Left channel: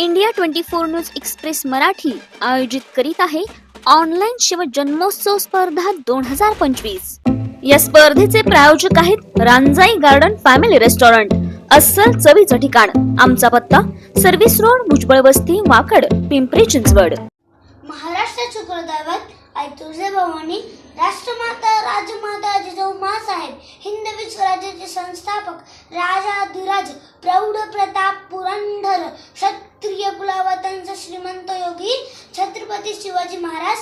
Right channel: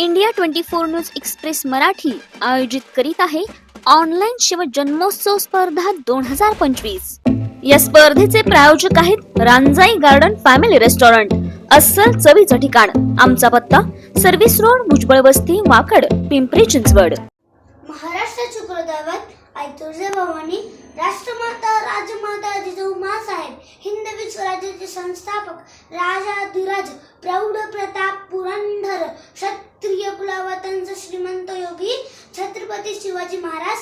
India 24 news express Marathi आयोजित करीत आहे ऑनलाईन शिवजन्मोत्सव स्पर्धा 2025। या स्पर्धेचे प्रायोजक आहेत रांजाई गार्डन फॅमिली रेस्टॉरंट, अस्सल चवीचं ठिकाण। आमचा पत्ता सर्व्हिस रोड, भुजबळ वस्ती, वाकड, पिंपरी चिंचवड। महाराष्ट्राचे कुलदैवत आई तुळजाभवानी, राष्ट्रमाता राजमाता जिजाऊ माँसाहेब, हिंदवी स्वराज्याचे संस्थापक राजाधिराज प्रौढ प्रताप पुरंदर क्षत्रिय कुलावतांचा श्रीमंत योगी छत्रपती शिवाजी महाराज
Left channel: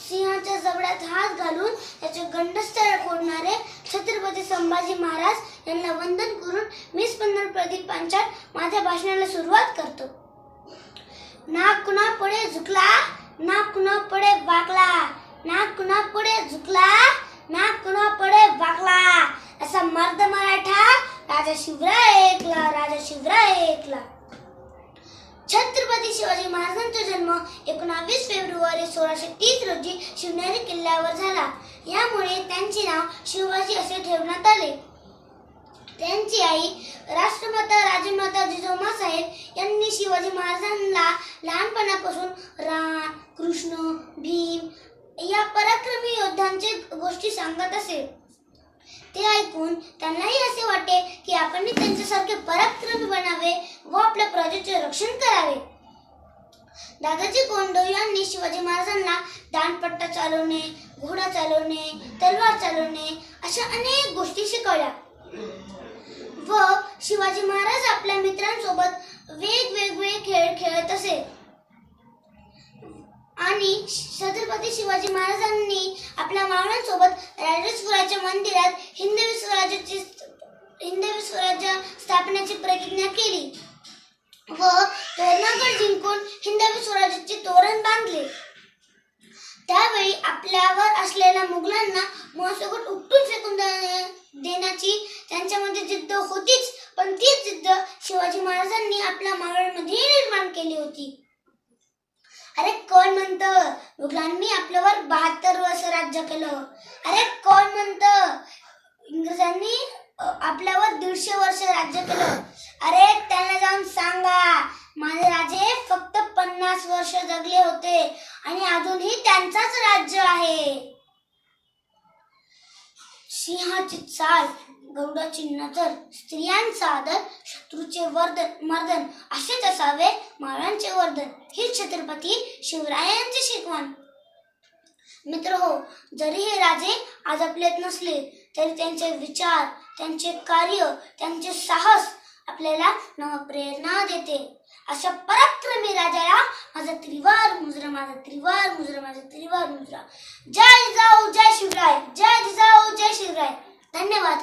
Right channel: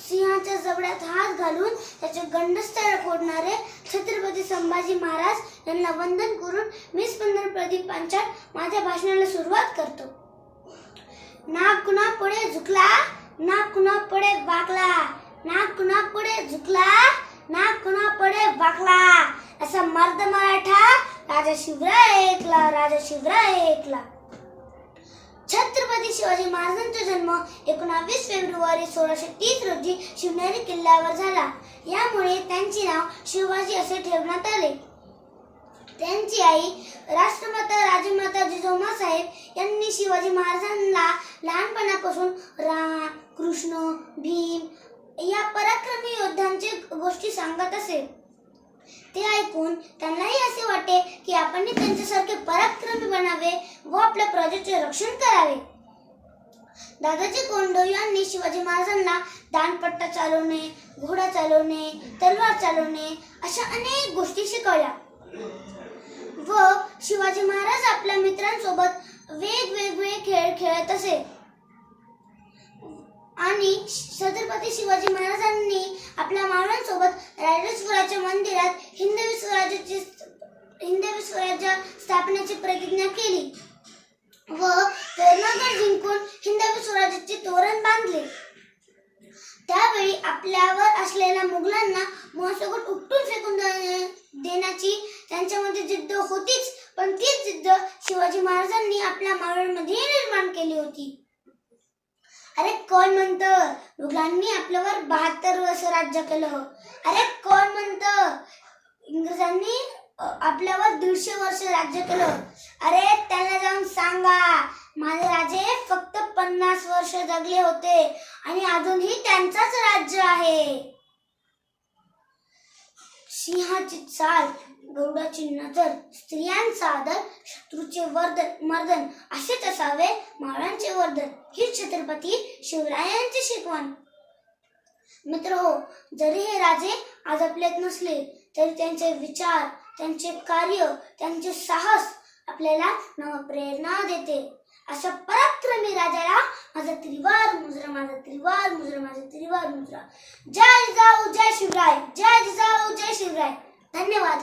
सिंहाच्या जबड्यात हात घालून त्याचे गंडस्थळ फोडणारे छत्रपती संभाजी महाराज यांना वंदन करून मी स्पंदन प्रदीप पांचाळ माझ्या भाषणाला सुरुवात करतो। नाक कुणा पुढे झुकला, नाक कुणा पुढे वाकला, नाक कुणा पुढे झुकला, नाक कुणा पुढे वाकला, असा मर्द मराठा राजा शिवराय ऐकला, राजा शिवराय ऐकला। छत्रपती शिवाजी महाराजांचा जन्म 19 फेब्रुवारी 1630 रोजी शिवनेरी किल्ल्यावर झाला। यामुळे त्यांचे नाव शिवाजी असे ठेवण्यात आले। त्यांची आई राष्ट्रमाता राजमाता जिजाऊ माँसाहेब यांनी शिवाजी महाराजांना लहानपणापासून राम, कृष्ण, भीम या पराक्रमी योद्ध्यांचे गोष्टी सांगत असे। ते ऐकून त्यांनाही असे वाटे की आपण त्यांच्यासारखे पराक्रमी बनावे व आपल्या प्रजेचे रक्षण करावे। दादाजी कोंडदेव यांनी शिवाजी महाराजांना दांडपट्टा चालवणे, घोडा चालवणे, तलवार चालवणे अशा अनेक गोष्टी शिकवल्या व शिवाजी महाराज आपल्या मित्रांसोबत वेगवेगळे खेळ खेळत असे आणि छत्रपती शिवाजी महाराजांनी आपल्या मावळ्यांसोबत राजराजेश्वराच्या मंदिरात हिंदवी स्वराज्य स्थापनेची प्रतिज्ञा केली व तोरणगड जिंकून हिंदवी स्वराज्याचे तोरण बांधले। त्यावेळी आपल्यावर असलेल्या मुघलांना मनसोक्त उपटून फेकून देण्याची त्यांच्यामध्ये जिद्द होतीच, पण तीच जिद्द शिवाजी महाराजांनी आपल्या मावळ्यांमध्ये निर्माण केली होती। अरे कोण म्हणतं मुघलांनी आपल्यावर 72 वर्ष राज्य केलं? अरे कोण म्हणतं इंग्रजांनी आपल्यावर 150 वर्ष राज्य केलं? अरे त्यांना जाऊन सांगा माझे राजे फक्त 50 वर्ष जगले होते आणि अजूनही त्यांचाच राज्य आहे। सिंहाची चाल, गरुडाची नजर, स्त्रियांचा आदर, शत्रूचे मर्दन असेच असावे मावळ्यांचे वर्धन, ही छत्रपती शिवरायांची शिकवण। मित्र हो, जरी हे राजे आज आपल्यात नसले तरी त्यांचे विचार, त्यांचे कार्य, त्यांचे साहस आपल्याला नवप्रेरणा देते। अशा पराक्रमी राजाला माझा त्रिवार मुजरा, माझा त्रिवार मुजरा, माझा त्रिवार मुजरा। जय जिजाऊ, जय शिवराय, जय जिजाऊ, जय शिवराय। धन्यवाद।